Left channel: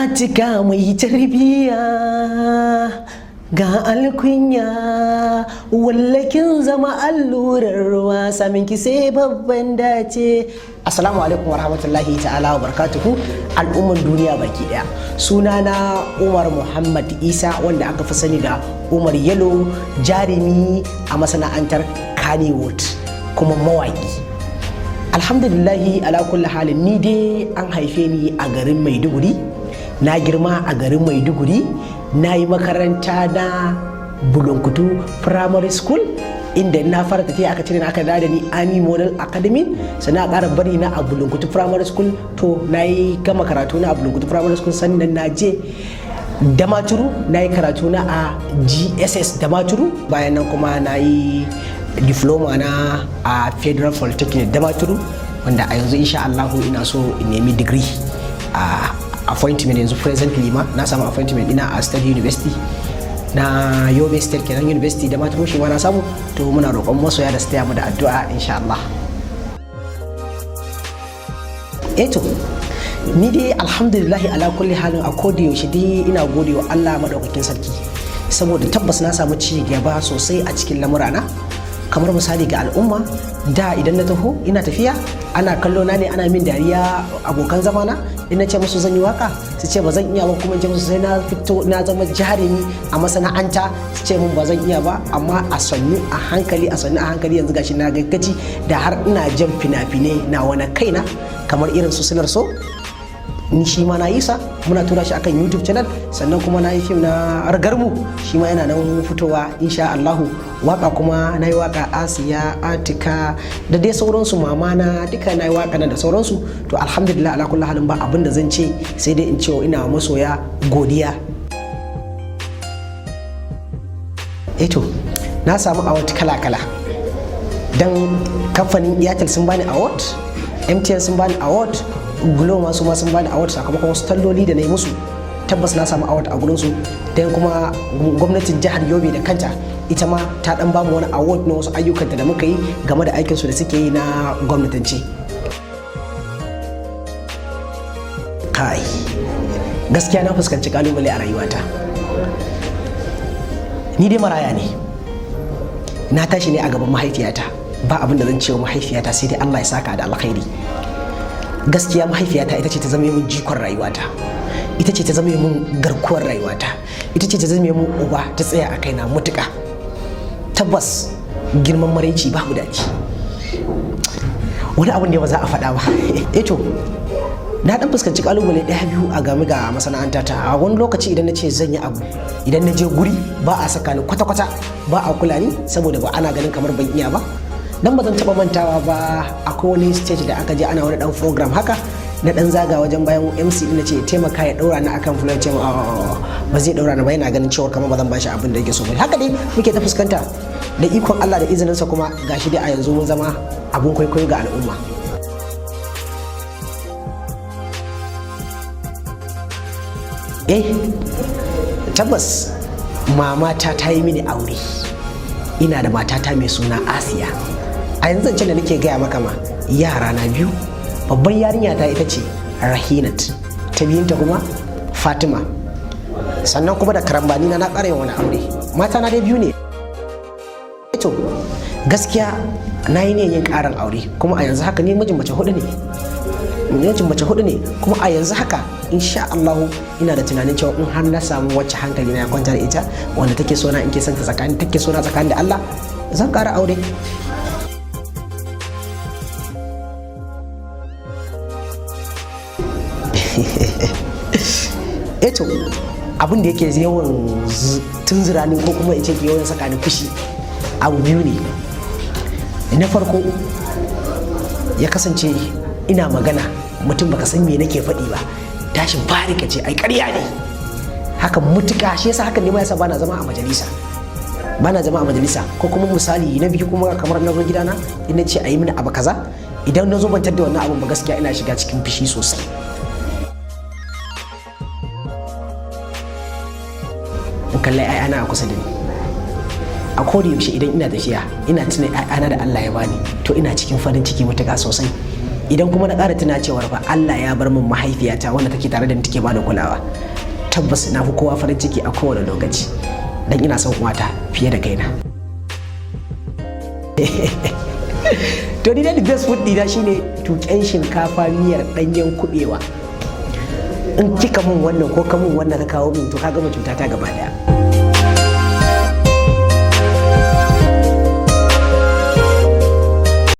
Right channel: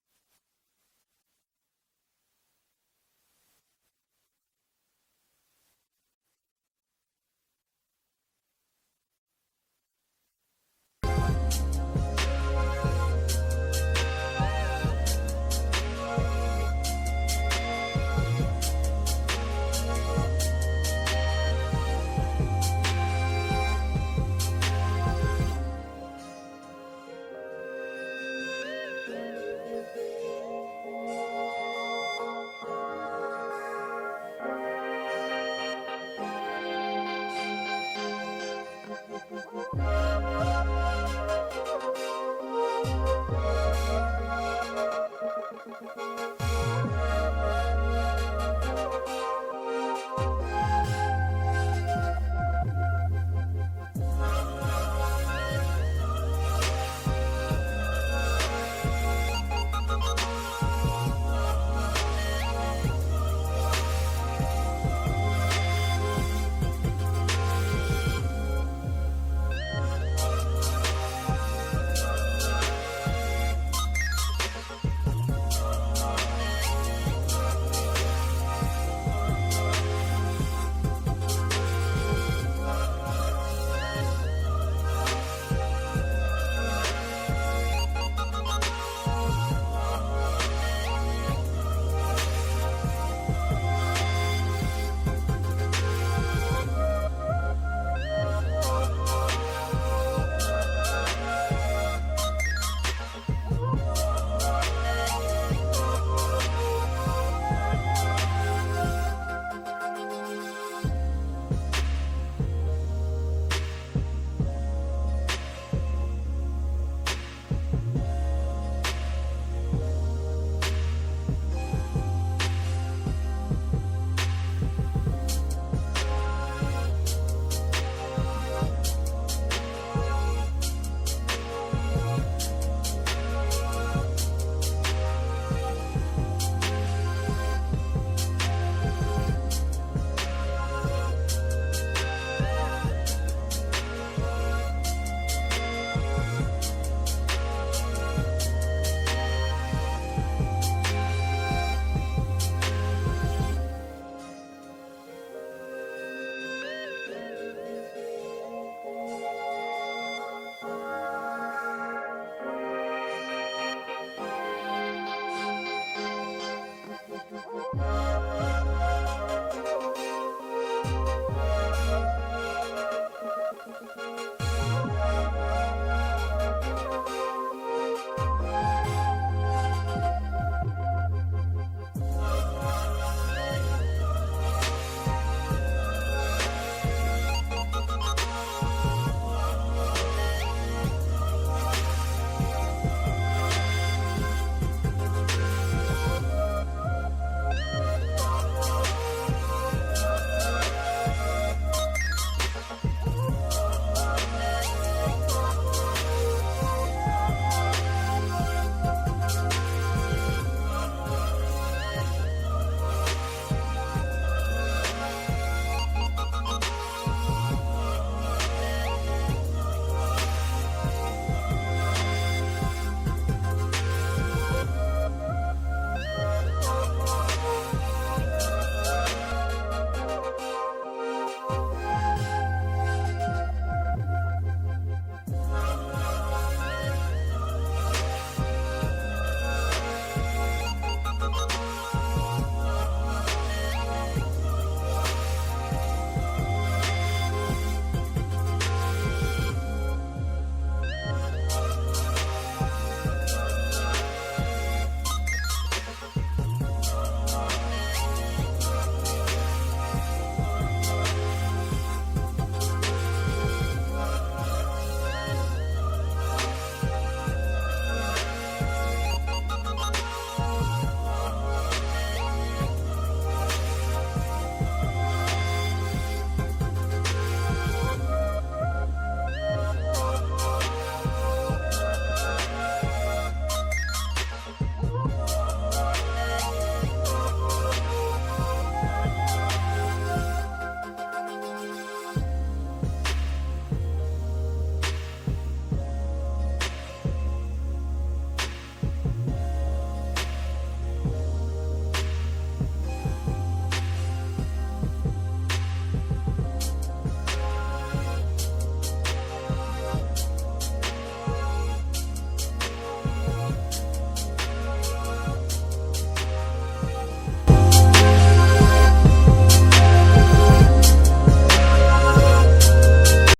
Atika mai tarbiya ga alkunya, wallakin zama allurar ruwa, samin ki sai babban dace. Assalamu alaikum warahmatullahi ta'ala wa barakatuhu, al'umman duniya baki daya. Sunana Umar Muhammad Isa, wanda aka fi sani da Umar Yalo, jarumi a masana'antar Kannywood kuma mawaki. Alhamdulillahi ala kulli halin, ni dai an haife ni a garin Maiduguri, na girma a garin Maiduguri, na yi makaranta na Bulunkutu Primary School, inda na fara tafiya aka cire aka da ni Army Model Academy, sannan a ƙara bari na a Bulunkutu Primary School. To na yi gama karatu na a Bulunkutu Primary School, sannan na je Damaturu na yi karatu na a GSS Damaturu, bayan nan kuma na yi diploma na a Federal Polytechnic Damaturu, wanda a yanzu insha Allah ina so in nemi degree a appointment. Yanzu presently ma na samu appointment ina a State University na Yobe State kenan University da Damaturu, shi ma na samu. To muna roƙon masoya da su taya mu da addu'a insha Allah. To ni dai alhamdulillah ala kulli halin, a koda yaushe dai ina gode wa Allah madaukakin sarki, saboda tabbas na samu ci gaba sosai a cikin lamurana. Kamar misali ga al'umma, da idan na taho ina tafiya ana kallo na ne, ana min dariya abokan zamana, in na ce musu zan yi waka su ce ba zan iya ba, kuma in ce musu sai na fito na zama jarumi a masana'anta su ce mun ba zan iya ba. Amma a sannu a hankali yanzu gashi na gaggaci da har ina jan fina-finai na wani kaina, kamar irin su Sinar So, ni shi ma na yi sa, muna tura shi akan YouTube channel. Sannan kuma na yi fim na Argarmu, shi ma yana nan fitowa insha Allahu. Waka kuma na yi waka Asiya, Atika da dai sauransu, mama na duka na yi waka nan da sauransu. To alhamdulillah ala kulli halin, ba abin da zan ce sai dai in ce ina masoya godiya. To na samu award kala-kala, dan kamfanin Airtel sun bani award, MTN sun bani award, Glo masu ma sun bani award sakamakon wasu talloli da na yi musu. Tabbas na samu award a gurinsu. Dan kuma gwamnatin jihar Yobe da kanta ita ma ta dan bamu wani award na wasu ayyukanta da muka yi game da aikinsu da suke yi na gwamnatance. Kai, gaskiya na fuskanci kalubale a rayuwata. Ni dai maraya ne, na tashi ne a gaban mahaifiyata, ba abin da zan ce wa mahaifiyata sai dai Allah ya saka da alkhairi. Gaskiya mahaifiyata ita ce ta zama min jikon rayuwata, ita ce ta zama min garkuwar rayuwata, ita ce ta zama min uba, ta tsaya a kaina mutuka. Tabbas girman maraici babu daɗi, wani abin da ba za a faɗa ba. To na dan fuskanci kalubale ɗaya biyu a game ga masana'anta ta. A wani lokaci idan na ce zan yi abu, idan na je guri ba a saka ni kwata-kwata, ba a kula ni saboda ba ana ganin kamar ban iya ba. Dan ba zan taɓa mantawa ba, akwai wani stage da aka je ana wani dan program haka, na dan zaga wajen bayan MC din, na ce taimaka ya daura ni akan fulan, ce ba zai daura ni ba, yana ganin cewa kamar ba zan bashi abin da yake so ba. Haka dai muke ta fuskanta, da ikon Allah da izininsa kuma gashi dai a yanzu mun zama abun kwaikwayo ga al'umma. Tabbas mamata ta yi mini aure, ina da matata mai suna Asiya. A yanzu zancen da nake gaya maka ma, yara na biyu, babban yarinya ta ita ce Rahinat, ta biyunta kuma Fatima, sannan kuma da karambani na ƙara wani aure. Mata na dai biyu ne. To gaskiya na yi ne yin ƙarin aure, kuma a yanzu haka ni mijin mace hudu ne, kuma a yanzu haka insha Allah ina da tunanin cewa in har na samu wacce hankali na ya kwanta da ita, wanda take so na, in ke son ta tsakani, take so na tsakani da Allah, zan ƙara aure. To abin da yake yawan tunzura ni, ko kuma in ce yawan saka ni fushi, abu biyu ne. Na farko, ya kasance ina magana mutum baka san me nake faɗi ba, tashin fari ka ce ai ƙarya ne, haka mutuka. Shi yasa hakan ne ma yasa bana zama a majalisa. Ko kuma misali na biyu, kuma kamar na zo gidana ina ce ayi mini abu kaza, idan na zo ban tadda wannan abin ba, gaskiya ina shiga cikin fushi sosai. In kalli ayana a kusa da ni, a koda yaushe idan ina tafiya ina tuna ayana da Allah ya bani, to ina cikin farin ciki mutuka sosai. idan kuma na ƙara tuna cewar fa Allah ya bar min mahaifiyata wanda take tare da ni take bani kulawa, tabbas na fi kowa farin ciki a kowane lokaci dan ina son uwata fiye da kaina. To ni da the best food dina shine tuƙen shinkafa miyar ɗanyen kuɓewa. In kika mun wannan ko ka mun wannan ka kawo min to ka gama cuta ta gaba daya.